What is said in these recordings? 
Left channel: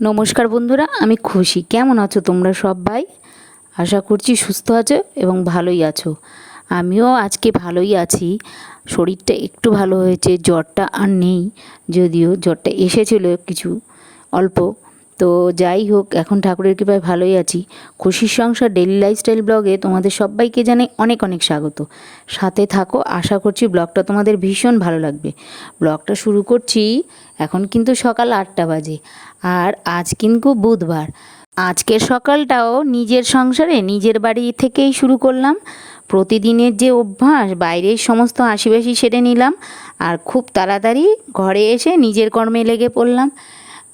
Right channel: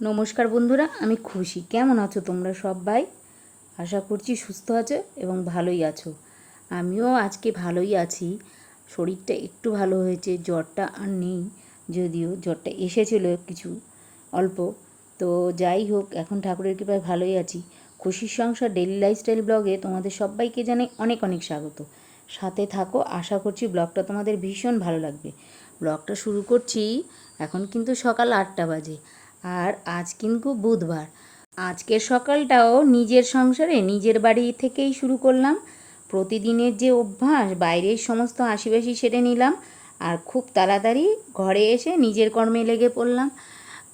নমস্কার বন্ধুরা, আমি খুশি। কেমন আছো তোমরা সব ভাই আশা করছি সুস্থ আছো এবং ভালোই আছো। আমিও আজকে ভালোই আছি। শরীরটা একটু ভালো হয়েছে, জ্বরটা আর নেই, যদিও জ্বরটা এসেছিল কিছু অল্প। তো যাই হোক, এখন ঠাকুরের কৃপায় ভালোই আছি। খুশির সংসার ডেলি লাইফস্টাইল ব্লগে তোমাদের সবাইকে জানাই অনেক অনেক স্বাগত। সাথে থাকো, আশা করছি ব্লগটা তোমাদের ভীষণ ভালো লাগবে। ব্লগটা শুরু করছি, এখন কিন্তু সকাল আটটা বাজে, আর আজ কিন্তু বুধবার। আজকের সকালটাও নিজের সংসারে, নিজের বাড়ি থেকেই শুরু করলাম। প্রতিদিনের যে অভ্যাস, বাইরের সমস্ত আশিবাসি সেরে নিলাম, আর খুব তাড়াতাড়ি ঘরে এসে নিজের কর্মে লেগে পড়লাম।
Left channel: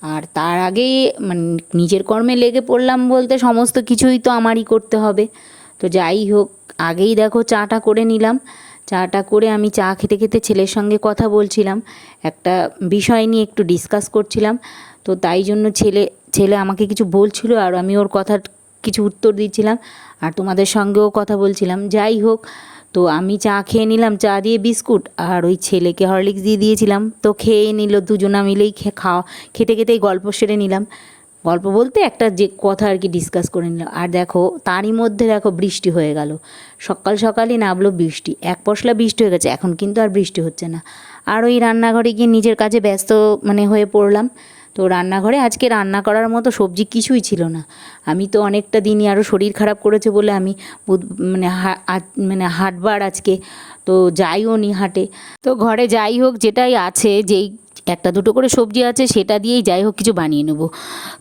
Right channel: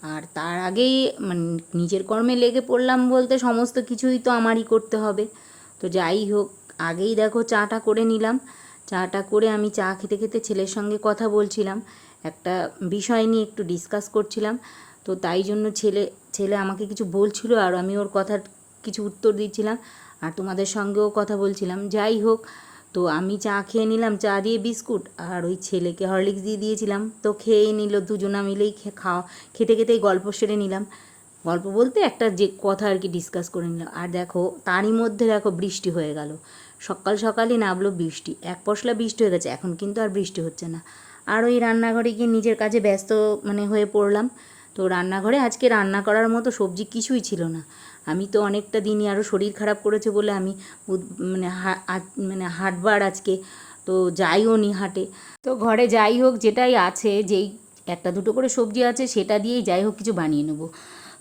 আর তার আগেই মানে নিজের কর্মে লেগে পড়লাম বলতে সমস্ত কিছুই তো আমারই করতে হবে। তো যাই হোক, আগেই দেখো চাটা করে নিলাম। চাটা করে আমি চা খেতে খেতে ছেলের সঙ্গে কথা বলছিলাম। একটা বিষয় নিয়ে একটু ডিসকাস করছিলাম। তো তাই জন্য ছেলে ছেলে আমাকে কিছু বলছিল আর আমি ওর কথার কিছু উত্তর দিচ্ছিলাম। আর তোমাদের সঙ্গেও কথা বলছিলাম। যাই হোক তো আমি চা খেয়ে নিলাম, চা দিয়ে বিস্কুট আর ওই ছেলেকে হরলিক্স দিয়ে দিয়েছিলাম। তো খেয়েই নিল, দুজনা মিলেই খাওয়া, খেতে খেতেই গল্প সেরে নিলাম। গল্প বলতে একটা যে কথা আর কি ডিসকাস করে নিলাম। আর দেখো, তারই মধ্যে দেখো বৃষ্টি হয়ে গেল। সকাল সকালই নামলো বৃষ্টি। এক পশলা বৃষ্টি হয়ে গেছে, এখন কিন্তু আর বৃষ্টি হচ্ছে না। আর ওই রান্নাঘরে গিয়ে নিজের কাজে ব্যস্ত মানে হয়ে পড়লাম। তো রান্নাঘরে আজকে রান্না করার মতো সবজি কিছুই ছিল না। আমি তো অনেকটা দিনই আরও শরীর খারাপ করেছে বলে আমি মানে মানে হাটবার আজকে, তো যাইও নি হাটে। তো ঘরে যাই হোক যেটাই আছে, যেই একটা দুটো করে সবজি আছে, সেটা দিয়েই যাই হোক কিছু বানিয়ে নেব।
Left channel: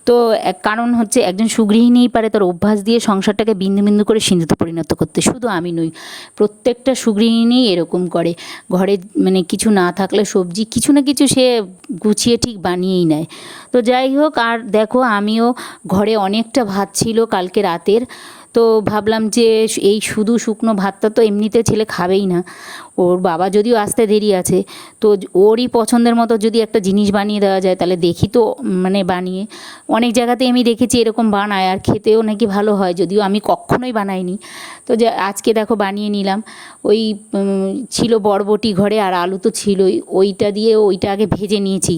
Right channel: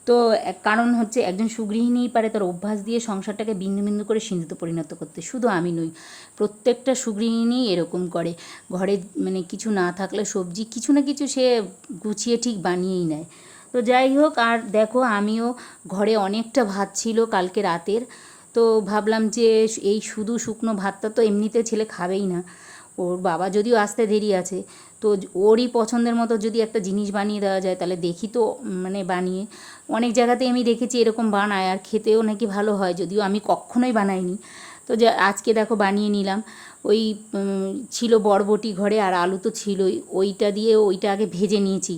তো এক কারণ হচ্ছে একজন সুগৃহিণীই পারে তার অভ্যাস দিয়ে সংসারটাকে বিন্দু বিন্দু করে সিন্ধুতে পরিণত করতে, শুধু আমি নই, প্রত্যেকটা সুগৃহিণী এরকম করে। ঘরে মানে কিছু না থাকলে সবজি কিছু না কিছু সে গুছিয়ে ঠিক বানিয়েই নেয়। তো যাই হোক, আর দেখো আমিও ঘরে অনেকটা ভাত ছিল কালকে রাতের, তো ভাবলাম যে এই শুধু শুকনো ভাতটা তো এমনিতে ছেলে খাবেই না। ওর বাবা যদিও আসতে দেরি আছে, তো ওরই পছন্দের মতো যদি একটা জিনিস বানিয়ে দেওয়া যায়, তাহলে দেখি তো মানে বানিয়ে। অনেক জায়গাতে আমি দেখেছি এরকম বানায়, আর খেতেও নাকি ভালো হয়, যদিও আমি কখনোই বানাইনি। তো আজকে দেখো বানিয়ে নিলাম। ওই ছিল বরবটি ঘরে, আর আলু তো ছিলই। ওইটা দিয়ে ওইটা আগে ভেজে নিয়েছি।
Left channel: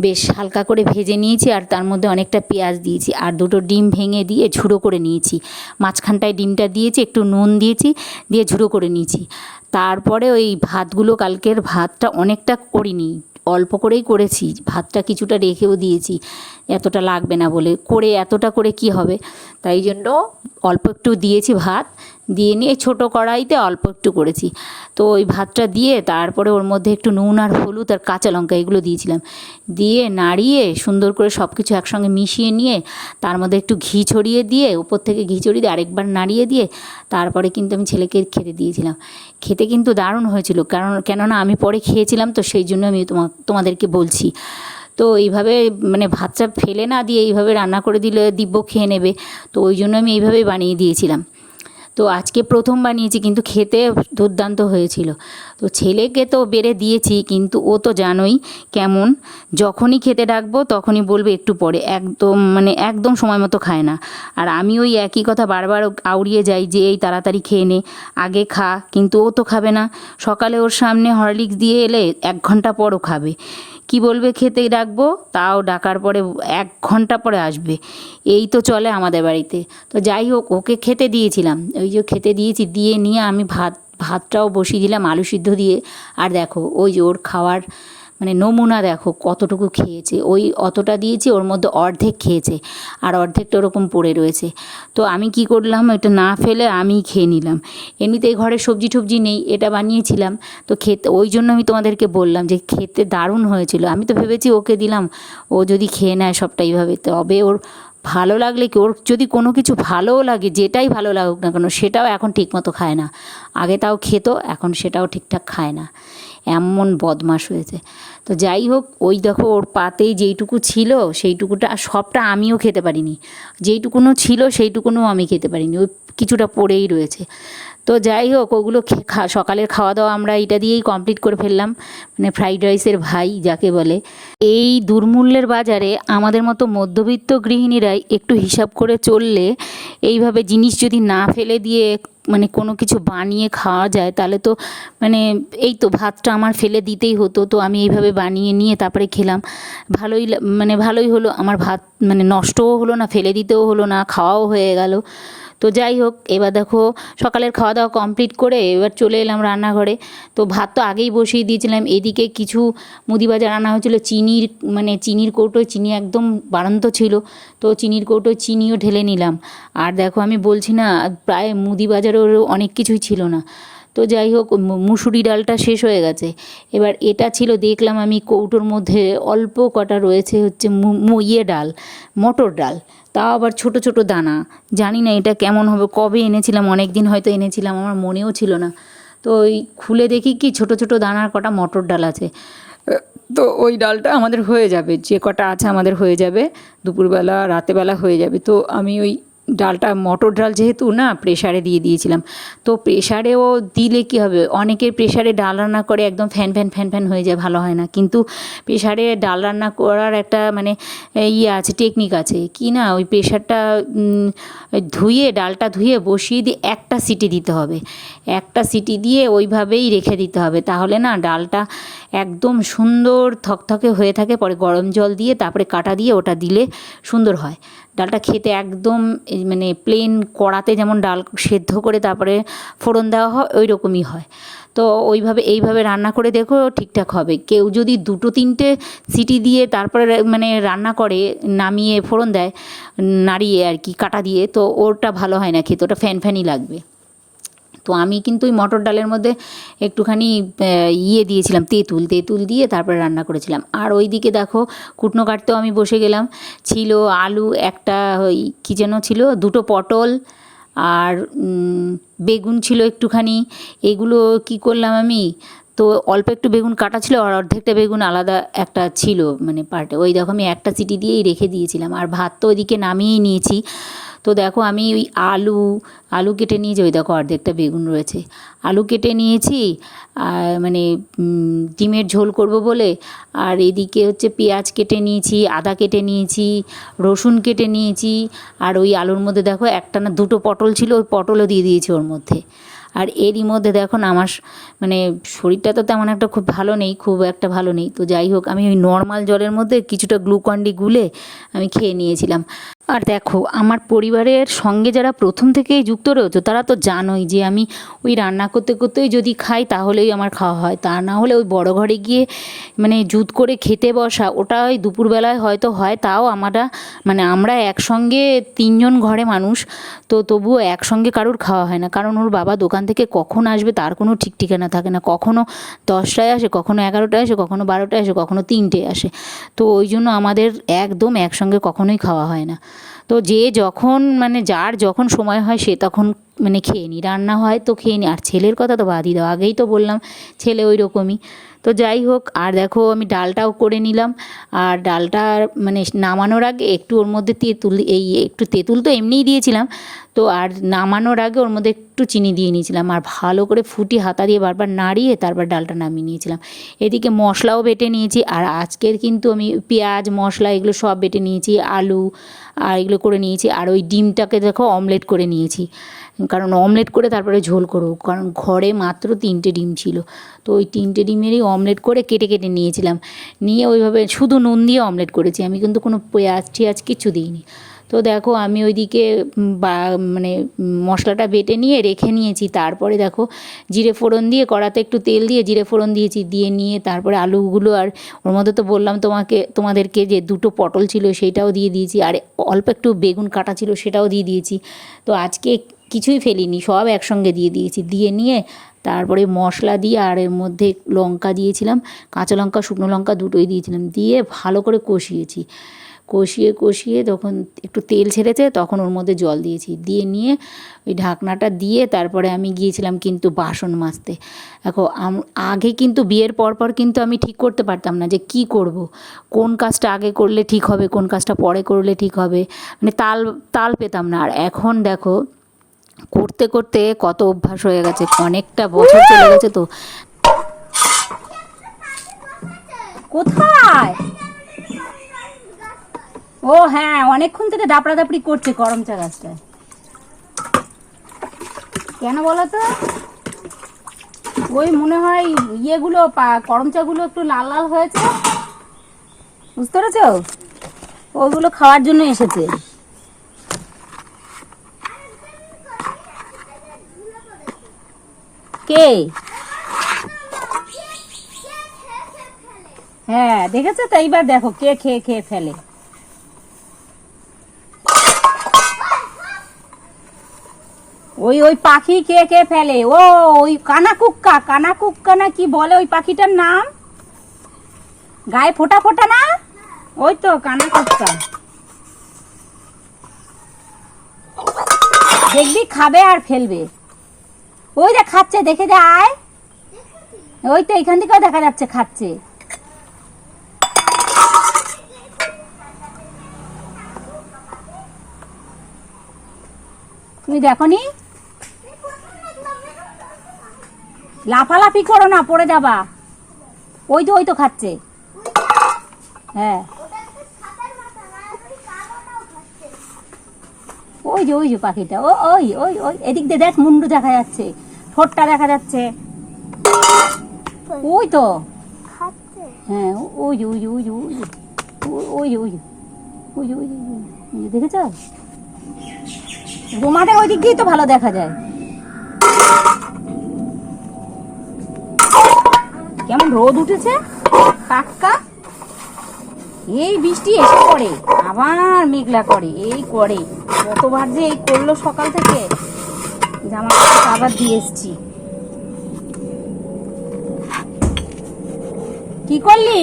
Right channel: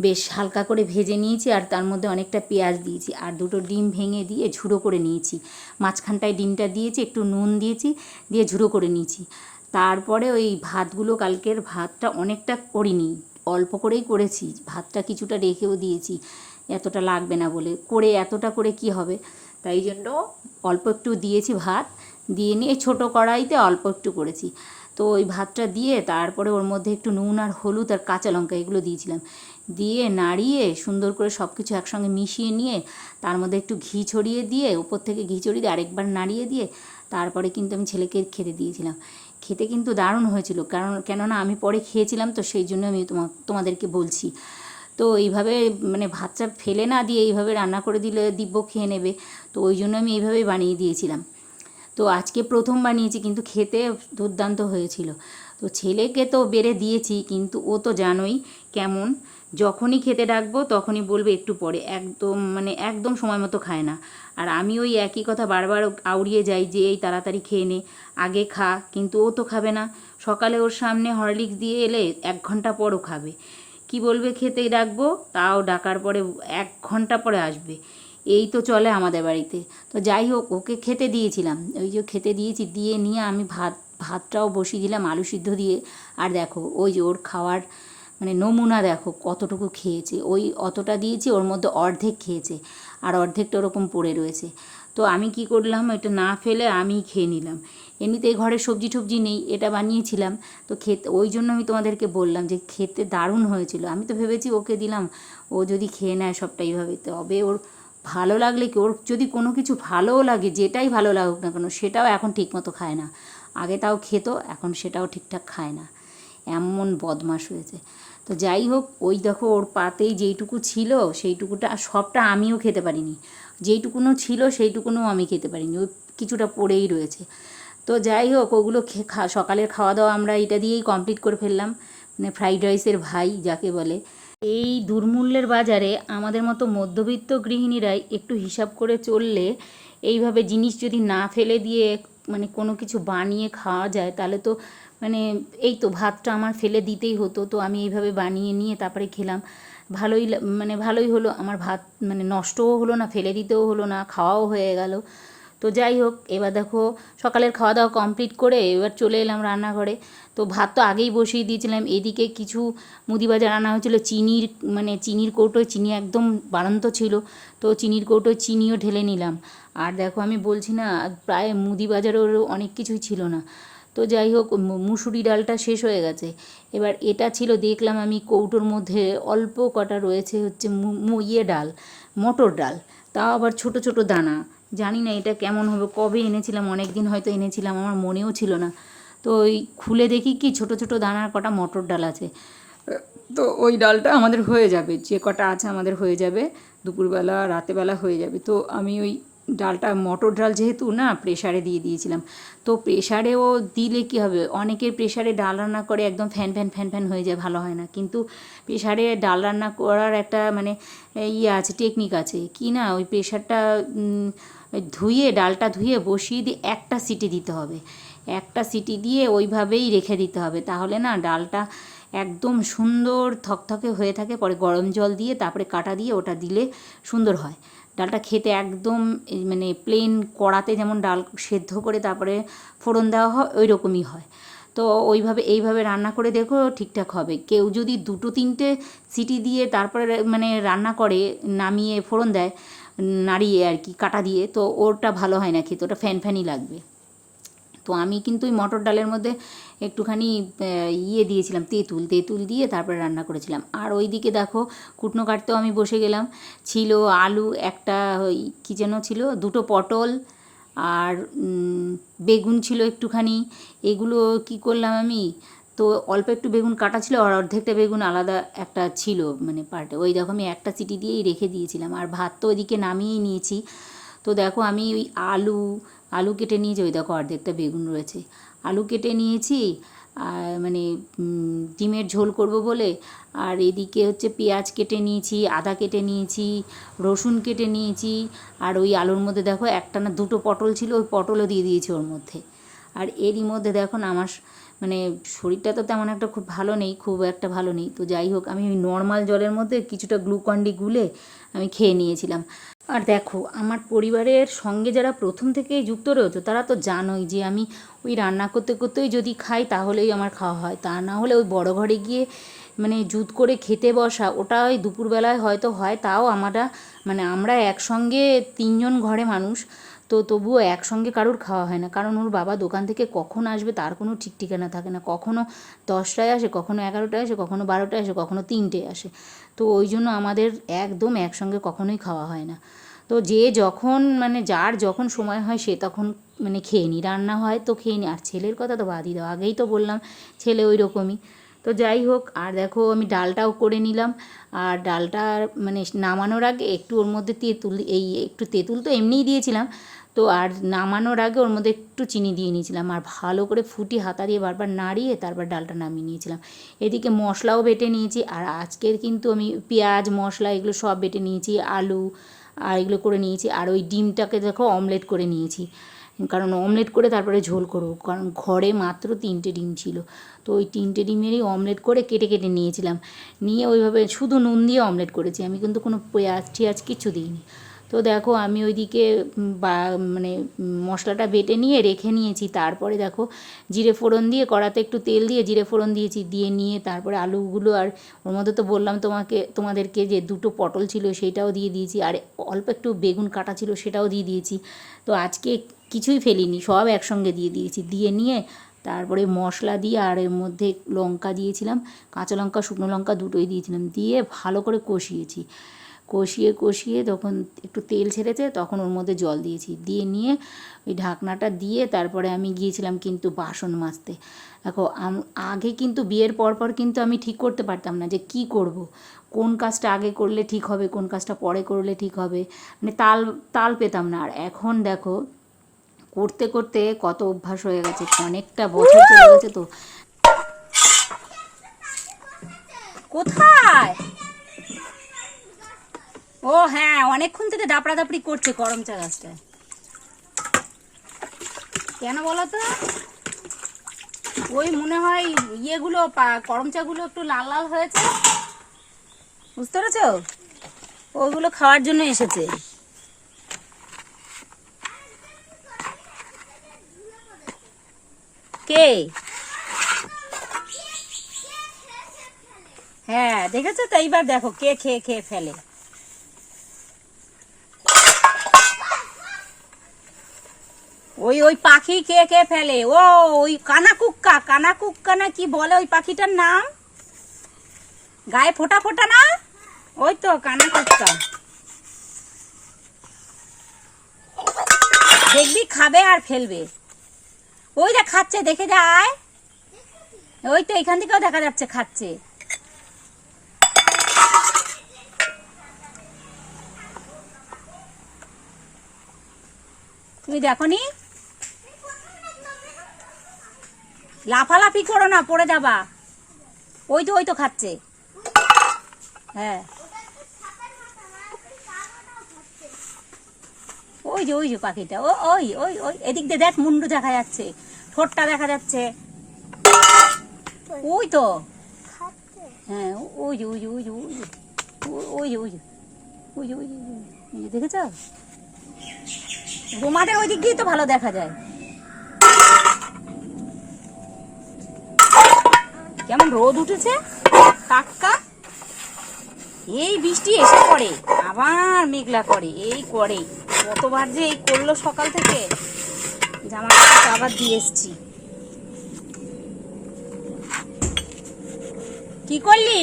বেশ হালকা করে ভেজে নিয়েছি, আর তার মধ্যে অনেকটা পেঁয়াজ দিয়েছি, আর দুটো ডিম ভেঙে দিয়ে ঝুড়ো করে নিয়েছি। মাঝখানটায় ডিমটা দিয়েছি, একটু নুন দিয়েছি, দিয়ে ঝুড়ো করে নিয়েছি। তারপরে ওই ভাতগুলো কালকের ভাতটা অনেকটা করিনি, অল্প করেই করেছি, ভাতটা কিছুটা রেখেও দিয়েছি, এতটা লাগবে না বলে, করে এতটা করে কি হবে? তাই জন্য অল্প একটু দিয়েছি ভাত, দিয়ে নিয়ে ছোটো কড়াইতে অল্প একটু করেছি। তো ওই ভাতটা দিয়ে তারপরে ওর মধ্যে একটু নুন আর হলুদ আর কাঁচা লঙ্কা এগুলো দিয়েছিলাম। দিয়ে নাড়িয়ে সুন্দর করে সব কিছু একসঙ্গে মিশিয়ে নিয়ে তার মধ্যে একটু ঘি ছড়িয়ে দিয়ে, উপর থেকে ঘি ছড়িয়ে দিয়ে আরেকবার নাড়িয়ে দিয়ে তারপরে কিন্তু আমি ছেলেকে খেতে দিয়েছিলাম। খেতে কিন্তু দারুণ হয়েছিল। কারণ, কেননা আমি পরে খেয়েছিলাম, তো সেই জন্য আমি তোমা, তোমাদেরকে বলছি। তো এইভাবে মানে ভাতটা ফেলে না দিয়ে এইভাবে রান্না করে দিলে দিব্য খেয়ে নেবে। তো ওই জন্য আমি এইভাবেই বানিয়ে দিয়েছিলাম। তো আজকে প্রথম বানিয়েছি, কিন্তু খেতে দুর্দান্ত হয়েছিল। তো ছেলেকে তো বেড়ে দিয়েছি, কিন্তু ও তো জানোই কেমন। যখনই খেতে ডাকবো, তখনই বলবে একটু পরে। একদম মানে একদম সময় মতো খায় না। আর আমি ওই একই কথা বারবার আউড়িয়ে যাই যে, এই তাড়াতাড়ি খেয়ে নে, আগে খা। কিন্তু ও তো খাবে না। সকালে ওর সামনে হরলিক্স দিয়ে এলে এক ঘণ্টা পরও খাবে। কি বলবে খেতে ডাকবো? তাও ডাকার পরে এক ঘণ্টা পরে আসবে। এই তো চলে আমাদের বাড়িতে। তো যাই হোক, ওকে খেতে দিয়েছিলাম। ওই যে খেতে দিয়েছি, দিয়ে নিয়ে আমি ভাত, ভাতটাও বসিয়ে দিলাম, আলু সিদ্ধ দিয়ে। আর দেখো, ওই যে ওর খাওয়ার মানে নমুনা দেখো, কতটুকু খেয়েছে। ওই অতটা দিয়েছি, ওর মধ্যে অর্ধেক খেয়েছে। আর অর্ধেকটা ওরকম পড়ে রয়েছে। তো আমি কি করলাম, এটা না ফেলে আমিই খেয়ে নিলাম। এমনিতেই ঘরে সবজি টবজি নেই, এটা বানিয়েছিলাম। তো খেতে, ওই জন্য আমি তোমাদেরকে বললাম যে, খেতে দারুণ হয়েছিল। আমি তো ভেবেছি ওকে দিলাম, ও যদি খেয়ে নেয় সবটা এইভাবে। তবে ওর ভালো লাগলে কি ওর যদি কোনো কিছু ভালোও লাগে, যেটাই ভালো লাগুক না কেন, সেটাও এখন ঠিকমতো খায় না। আগে তাও খেত, এখন সেটাও ঠিকঠাক খায় না। এমন বদমাস হয়েছে। তো যাই হোক, ওই দেখো ওর পাতেই যেইটুকু ছিল, সেইটুকুটা, সবটা আমিও খেতে পারিনি। যেইটুকুনও ছিল সেইটুকুনও আমি খেতে পারিনি। ওই কিছুটা পড়েই রয়েছে। তো যাই হোক, ওগুলো সকালের খাওয়া দাওয়া আমরা এটা দিয়েই কমপ্লিট করে ফেললাম। মানে ফ্রাইড রাইসের ভাই, যাকে বলে। এই দুর্মূল্যের বাজারে আমাদের মতো মধ্যবিত্ত গৃহিণীরাই একটু হিসাব করে চললে এইভাবে জিনিস যদি না ফেলে দিয়ে মানে কোনো কিছু বানিয়ে খাওয়া যায়, তাহলে তো মানে এই তো ভাতটা আমার ফেলে দিতেই হতো, তো আমি এইভাবে বানিয়ে নিয়ে তারপরে খেলাম। ভালোই মানে ভালোই হলো, আমার ভাত মানে নষ্টও হলো না, ফেলে দিতেও হলো না, খাওয়াও হয়ে গেল। তো যাই হোক, এবার দেখো সকালের খাওয়া দাওয়া কমপ্লিট করে এবার চলে এলাম রান্নাঘরে। তো ভাত তো আগেই বসিয়ে দিয়েছিলাম। এদিকে কিছু মুদি বাজার আনা হয়েছিল। চিনির মানে চিনির কৌটো, চিনি একদম বাড়ন্ত ছিল। তো চিনির কৌটো, চিনিও ঢেলে নিলাম। আর দেখো আমি বলছি না, প্রায় মুদি বাজারেরও অনেক কিছুই ছিল না। তো যাই হোক মুসুরি ডালটা শেষ হয়ে গেছে। এবার এটা ছিল, দেখলাম আমি কৌটোর মধ্যে অল্প কটা রয়েছে হচ্ছে ইয়ে ডাল, মটর ডাল। তাও আবার ছোট ছোট দানা। জানি না এটা কেমন হবে, কবে এনেছিলাম অনেক দিন হয়তো এনেছিলাম, আমার মনেও ছিল না। তো ওই খুলে দেখি কি ছোট ছোট দানার কটা মটর ডাল আছে। তো ওই ডালটা আমাদের হয়ে যাবে, যে কটা আছে আমাদের হয়ে যাবে, দুপুরবেলা, রাতেবেলা হয়ে যাবে। তো আমি ওই ডালটা, মটর ডাল যেহেতু না প্রেশারে দিয়ে দিয়েছিলাম। তো প্রেশারেও দিলে কী হবে? অনেকের প্রেশারে ডাল রান্না করে একদম ফ্যান ফ্যান ফ্যান ফ্যান হয়ে যায়, ভালো হয় না। কিন্তু প্রেশারে ডাল রান্না করার একটা মানে ইয়ে আছে টেকনিক আছে কি না? ওই প্রেশারটা ধুয়ে, ডালটা ধুয়ে বসিয়ে দিয়ে একটা সিটি দিতে হবে। একটা সিটি দিয়ে ওইভাবেই রেখে দিতে হবে। তাহলে না, ডালটা একদম সুন্দর থকথকে হয়ে থাকে, পরে গরম জল দিয়ে, তারপরে কাটা দিয়ে ওটা দিলে সুন্দর হয়। ডালটা খেতে একদম মানে প্লেন কড়াতে যেমন ডাল সেদ্ধ করে তারপরে ফোড়ন দেওয়া হয় ওই রকমই হয়। তো ওইভাবে, এইভাবে রান্না করে দেখো ঠিকঠাক হবে। কেউ যদি দুটো, তিনটে সিটি দিয়ে তারপরে মানে রান্না করে, নামিয়ে ফোড়ন দেয়, নাড়িয়ে আর কি, কাটা দিয়ে, তো ওটা ভালো হয় না খেতে, ওটা ফ্যান ফ্যানই লাগবে। তো আমি কিন্তু ওই মটর ডালের মধ্যে একটুখানি ইয়ে দিয়েছিলাম, তেঁতুল তেঁতুল দিয়ে তারপরে রান্না করেছিলাম। আর ওইদিকে দেখো, কুটনো কাটতেও আমি বসে গেলাম। ছিল আলু, একটা ওই কী যেন ছিল, দুটো পটল আর বেগুন ছিল একটুখানি। এগুলো কি করলাম আমি? তো অল্প একটু বেগুন কাটা ছিল আর অর্ধেকটা বেগুন আলাদা একটা ছিল মানে পার্টে ওই দেখো আমি একটা সিটি দিয়েই রেখে দিয়েছিলাম। আর ভাত তো ওইদিকে নামিয়েই নিয়েছি। তো দেখো আমি ওই আলু আলু কেটে নিয়েছি, ওই দেখো অর্ধেকটা বেগুন রয়েছে। আলু কেটে নিয়েছি, আর মানে ডিমের ঝোল করব বলে, আর এদিকে হচ্ছে পেঁয়াজ কেটে নিয়েছি, আদা কেটে নিয়েছি, রসুন কেটে নিয়েছি, আর ওই আলুর মধ্যে দেখো একটা না দুটো পটল ছিল, ওই পটলও দিয়ে দিয়েছি ওর মধ্যে। আর এরই মধ্যে দেখো আমার মানে শরীরটা তো তেমন একটা খুব ভালো নেই, খুব একটা ভালো নেই। তো যাই হোক, আমি ওই নর্মাল জলের মধ্যে কিছুটা গ্লুকন্ডি গুলে আমি খেয়ে নিয়েছিলাম। আর দেখো, আমার পরিবারের সঙ্গে যারা প্রথম থেকেই যুক্ত রয়েছে, তারা তো জানোই যে আমি ওই রান্না করতে করতেই যদি খাই তাহলেই আমার খাওয়া হয়। তা না হলে ওই বড় ঘরে গিয়ে মানে জুত করে খেতে বসা ওটা ওই দুপুরবেলায় হয়তো হয়, তাও আমরা মানে আমরা একসঙ্গে তিনজন ঘরে মানুষ, তো তবুও একসঙ্গে কারোর খাওয়া হয় না। কারণ ওর বাবা দোকান থেকে কখন আসবে তার কোনো ঠিক ঠিকানা থাকে না। কখনো দশটায় আসে, কখনো এগারোটায় আসে, কখনো বারোটায় আসে, কখনো তিনটে আসে। তো ওই জন্য আমাদের একদম একসঙ্গে কখনোই খাওয়া হয় না। তো যে যখন মানে যার যখন সময় হয় সে তখন মানে খেয়ে নিই। রান্না হয় তো খেয়ে নিই। আর ছেলের কথা তো বাদই দাও, আগেই তো বললাম ছেলে ওই রকমই তো যাই হোক, আর দেখো আমি ডালটাও করে নিলাম। আর ডালটা মানে নামানোর আগে একটু ওর মধ্যে তেঁতুল, এই একটু তেঁতুল তো এমনিই দিয়েছিলাম। তো আর নামানোর আগে ওর মধ্যে একটু চিনি দিয়ে নিয়েছিলাম আর ভালো করে ফুটি হাতা দিয়ে বারবার নাড়িয়ে তারপর ডালটা নামিয়ে নিয়েছিলাম। এদিকে মশলাও বেটে নিয়েছি আর আজকের কিন্তু আমি পেঁয়াজ, মশলা এগুলো সব বেটে নিয়েছি, আলু আর এগুলো করে নিয়েছি আর ওই ডিমটাকে দেখো অমলেট করে নিয়েছি। কারণ অমলেট করে তারপরে ঝোল করব, কারণ ঘরে মাত্র তিনটে ডিম ছিল। তো ওই তিনটে ডিমেরই অমলেট করে কেটে কেটে নিয়েছিলাম। নিয়ে ওইভাবে শুধু নুন দিয়ে অমলেট করেছি, আমি কিন্তু কোনো পেঁয়াজ টিয়াজ কিছু দিইনি। তো দেখো আমি ওইদিকে মানে মশলাটা বেটে নিয়ে রেখে নিয়েছি। তারপরে দেখো জিরে ফোড়ন দিয়ে, কড়াতে একটু তেল দিয়ে জিরে ফোড়ন দিয়েছি, দিয়ে নিয়ে তারপরে আলুগুলো আর ওর মধ্যে তো বললাম তোমাকে, তোমাদেরকে যে দুটো পটল ছিল সেটাও দিয়ে দিয়েছি। আর অল্প একটু বেগুন কাটা ছিল সেটাও দিয়ে দিয়েছি। তো আজকে কিছুই ফেলিনি, সব একসঙ্গে দিয়ে দিয়েছি। দিয়ে নিয়ে তারপরে মশলা দিয়ে আর এর মধ্যে লঙ্কা দিয়েছিলাম, কাঁচা লঙ্কা, শুকনো লঙ্কা দুটোই দিয়েছিলাম। দিয়ে ভালো করে কষিয়েছি। কষিয়ে কষিয়ে তখন একটু তেল ছেড়েছে, তখন ওর মধ্যে জল দিয়েছি। দিয়ে নিয়ে ওই ঢাকনাটা দিয়ে তারপরে আমি গিয়েছিলাম কিন্তু বাসন মাজতে। দেখো আগে কিন্তু বিয়ের পর পর কিন্তু আমি ঠিক করতে পারতাম না যে কি করব। কোন কাজটা আগে করলে ঠিক হবে, কোন কাজটা পরে করলে ঠিক হবে মানে তাল তাল পেতাম না। আর এখন দেখো, করতে করতে কত অভ্যাস হয়ে গেছে, অনেকটা বছর চলে গেছে তো। কোথায়? ও হ্যাঁ অনেকক্ষণ থেকে দাপড়া দাপড়ি করছে করম চা গাছটায় কেন বলো তো? ওই মনে হয় ইয়েগুলো, পা- করমচাগুলো একটু লাল লাল হয়েছে। বুঝতে পেরেছ? ওইগুলো খাওয়ার জন্য এসেছে। কে? হ্যাঁ দেখেছ তো? এইবার দেখো, কে খেয়ে খেয়ে ফেলে। ওই ওই পাখি কে কে ফেলে? ও, ওই কানা কুক্কা কানা কুক্কা না কি বলে ওই পাখিটার নাম? গায়ে ফোটা ফোটা না? ওই তো কানা কুক্কা দেখবি খাবে আর ফেলবে। ওই যে খাচ্ছে, দেখে যায় ওই তো, এখান থেকেও দেখা যাচ্ছে খাচ্ছে। তুমি দেখনি? লাফালাফি করো না পড়ে যাবা ওই তো ওই তো খাচ্ছে হ্যাঁ ওই যে ওই যে পাখিটা ও ওই ওই ওই এদিক দিয়ে দেখ মুন্ডু দেখা যাচ্ছে ঠোঁটটা দেখা যাচ্ছে ওই তো হ্যাঁ ওই যে ওই যে ওই যে ওই যে ওই যে ওই যে ওই যে ওই যে দেখেছ তোমাদের ওই দিক দিয়ে তো ভালো দেখা যায় কেমন রোদ উঠেছে? টাটকা। এই বৃষ্টি এসে পড়ে, আবার মেঘলা করে, এই করে। কতবার যে এই করল সকাল থেকে জামা কাপড় আবার দিয়ে এসছি। কি করলি?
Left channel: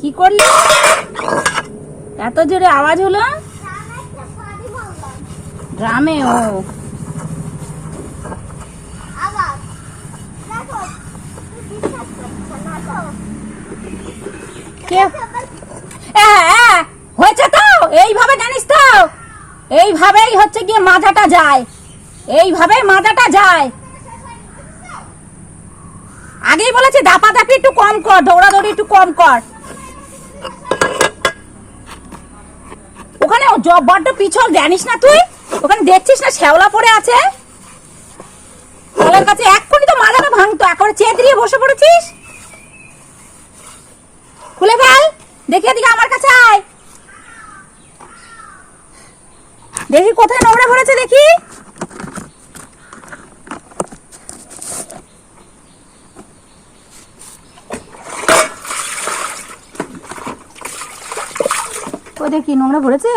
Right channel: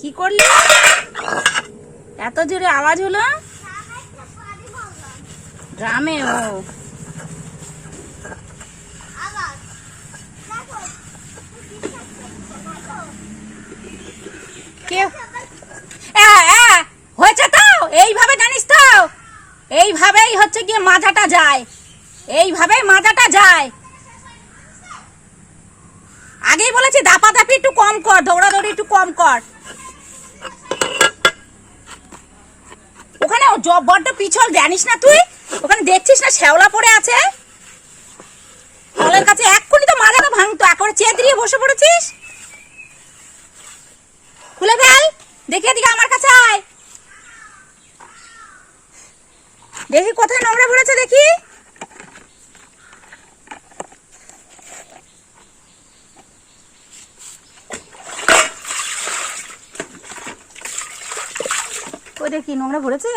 কি করলি? এত জোরে আওয়াজ হলো? গ্রামে ও কে এ, এ, হয়েছে তো এইভাবে জানিস তো এইভাবেই হচ্ছে গিয়ে মাজাটা যায়। এইভাবেই মাজাটা যায়। আগেই বলেছি, দাপাদাপি একটু কম কর, দৌড়াদৌড়ি একটু কম কর। ওখানে বড্ড পিছল, জানিস না তুই? ওখানে দেখছিস না শ্যাওলা পড়ে আছে? কাছে এক্ষুনি তো মাজাটা ভাঙতো, একবারে চেতরিয়ে বসে পড়েছিস? খুলে ফেল, দেখি এদিকে আমার কাছে আয়। দেখি কোথায় নোংরা ভরেছে দেখি। ও দেখি নোংরা ভরেছে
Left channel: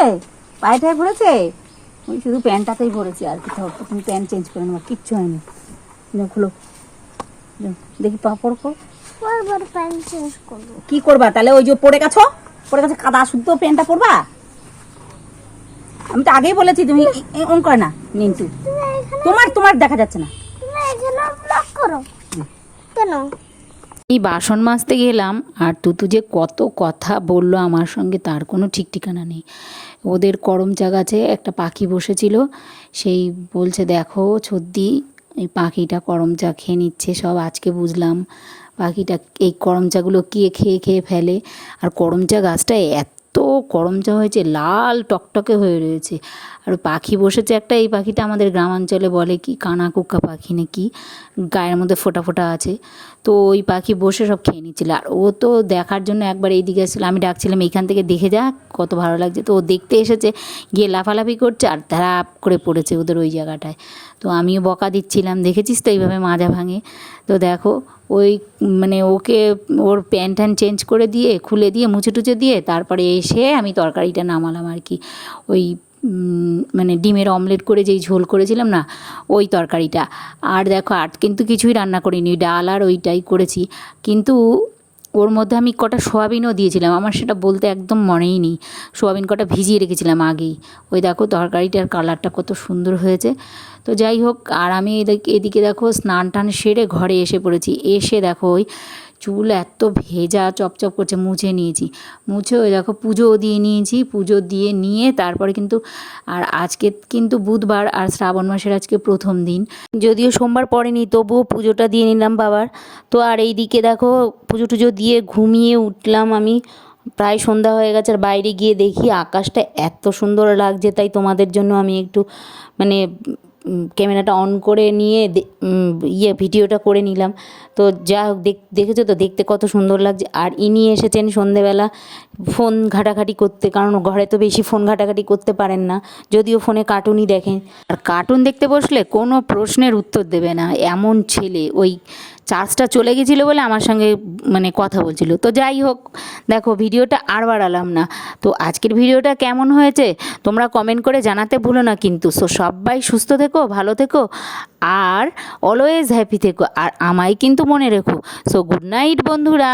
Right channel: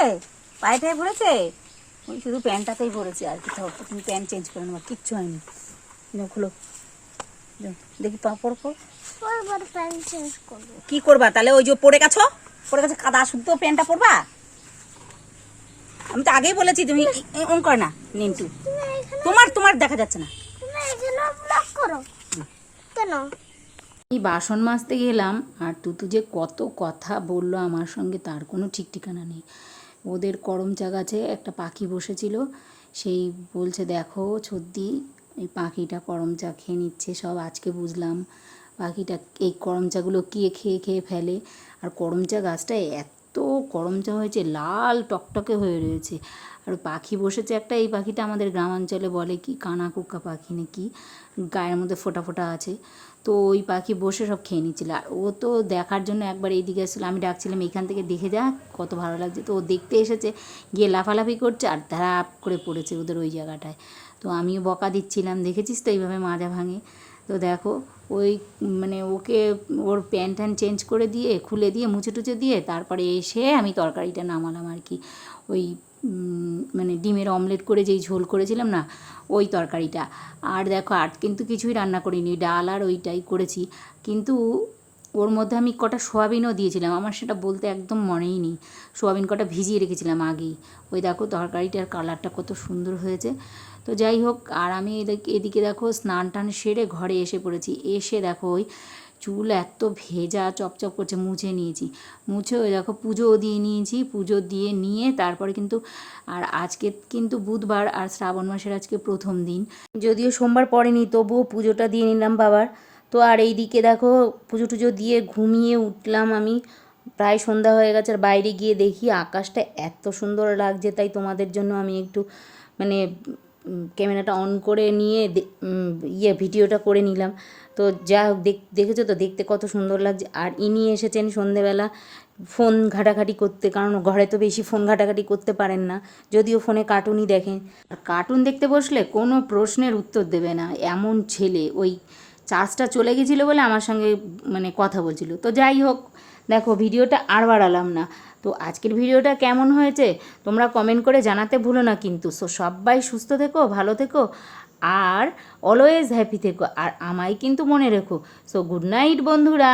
পায়েটায় ভরেছে ওই শুধু প্যান্টটাতেই ভরেছে আর কি। তুমি প্যান্ট চেঞ্জ করে নেব কিচ্ছু হয়নি। খুলো। দেখি পা কর চেঞ্জ করব। কি করবা তাহলে? ওই যে পড়ে গেছো? পড়ে গেছে কাদা শুদ্ধ প্যান্টটা পরবা? আমি তো আগেই বলেছি তুমি অন করে না নিন্তু তোমার তোমার দেখা যাচ্ছে না। তুমি এখানে ব্লক করো। কেন? এই বাসন মাজতে গেলাম আর তুতু যে কত কথা বলল আমার সঙ্গে তার কোনো ঠিক ঠিকানা নেই। ওদের করমচা গাছে একটা পাখি বসেছিল সেই বলছে দেখো সর্দি এই পাখিটা করমচা খেয়ে নিচ্ছে সব আজকে বুঝলাম। পাখিটা এই করমচাগুলো কে খেয়ে খেয়ে ফেলে? আর করমচা গাছটা এত করমচা হয়েছে, লাল টকটকে হয়ে রয়েছে। আর পাখি বসেছে একটা, এই পাখিটা আমাদের গ্রামাঞ্চলে বলে কি কানা কুক্কা পাখি নাকি গায়ের মধ্যে ফোটা ফোটা আছে। তো ওই পাখি বসে সব খেয়ে নিচ্ছিল। আর ও তো দেখার জন্য একবার এইদিকে এসেছিল, আমি ডাকছিলাম, এইখান থেকে দেখে যা, কত ভালো লাগছে। তো ও দেখতে এসেছে, গিয়ে লাফালাফি করছে আর তারা করে পড়েছে ওদের ওই জায়গাটায়। তো আমিও বকা দিচ্ছিলাম, দেখেছিস তো এইভাবে মাজা ভাঙে? তো দেখো ওই মানে ওকে ওর প্যান্ট ট্যান্ট চেঞ্জ করে দিয়ে, খুলে দিয়ে, মুছে টুচে দিয়ে, তারপরে এসে আমি তরকারিটা নামালাম আর কি। ওই মানে ডিমের অমলেট করে যেই ঝোল করেছিলাম না, ওই তরকারিটা। আর দেখো, আর কিন্তু কিছুই রান্না করিনি, ডাল আর ওইটাই করেছি। কিন্তু ওর মধ্যে আমি কটা সোয়াবিনও দিয়েছিলাম, আমার সেটা বলতে একদম মনেই নেই। সোয়াবিন কটা ভিজিয়ে রেখেছিলাম আগেই। ওই দেখো, তরকারিটার কালারটা কত সুন্দর হয়েছে। তো যাই হোক, আর আমি এদিকে এদিকে দেখো স্নান টান সেরে ঘরে এসে পড়েছি। এসে দেখো ওই চুল এত ভেজা, চপচপ করছে, মুছে নিয়েছি। মুছে ওই দেখো পুজোও দিয়ে নিয়েছি, পুজো দিয়ে নিয়ে তারপরে কিন্তু, আর আজকে কিন্তু বুধবার আর শ্রাবণ মাসের আজকে প্রথম দিন। যদিও সোমবার পড়েনি, তবুও পুজোটা দিয়ে নিলাম বাবার। তো আর এই দিকে দেখো পুজো টুজো দিয়ে ঘুমিয়ে উঠলাম আমি। প্রায় সন্ধ্যা হয়ে গেছে, আর বাইরে গিয়ে দেখি আকাশটা এত সুন্দর লাগছে, তাই তোমাদের জন্য আমি একটু মানে ক্যামেরাটা অন করে নিয়ে ইয়ে ভিডিওটা করে নিলাম। তো যা হোক, দেখ, দেখেছ তো? দেখতে কত সুন্দর লাগছে। আর ইনি এসেছেন সন্ধেবেলা ফোন ঘাটাঘাটি করতে, কারণ ঘরে তো বেশি ফোন ঘাটাঘাটি করতে পারেন না। যদিও ফোনে কার্টুনই দেখেন। আর কার্টুন দেখতে বসলে কোনো প্রশ্নের উত্তর দেবে না। এমন ছেলে, ওই চার্জটা চলে গেছিল বলে আমার সঙ্গে মানে কথা বলছিল। তো যাই হোক, দেখো ভিডিওটা আর বাড়ালাম না। তো আজকের ভিডিওটা কেমন হয়েছে তোমরা কমেন্ট করে জানাতে ভুলো না কিন্তু। সো সবাই সুস্থ থেকো, ভালো থেকো, আর অলওয়েজ হ্যাপি থেকো। আর আমায় কিন্তু মনে রেখো। সো গুড নাইট বন্ধুরা।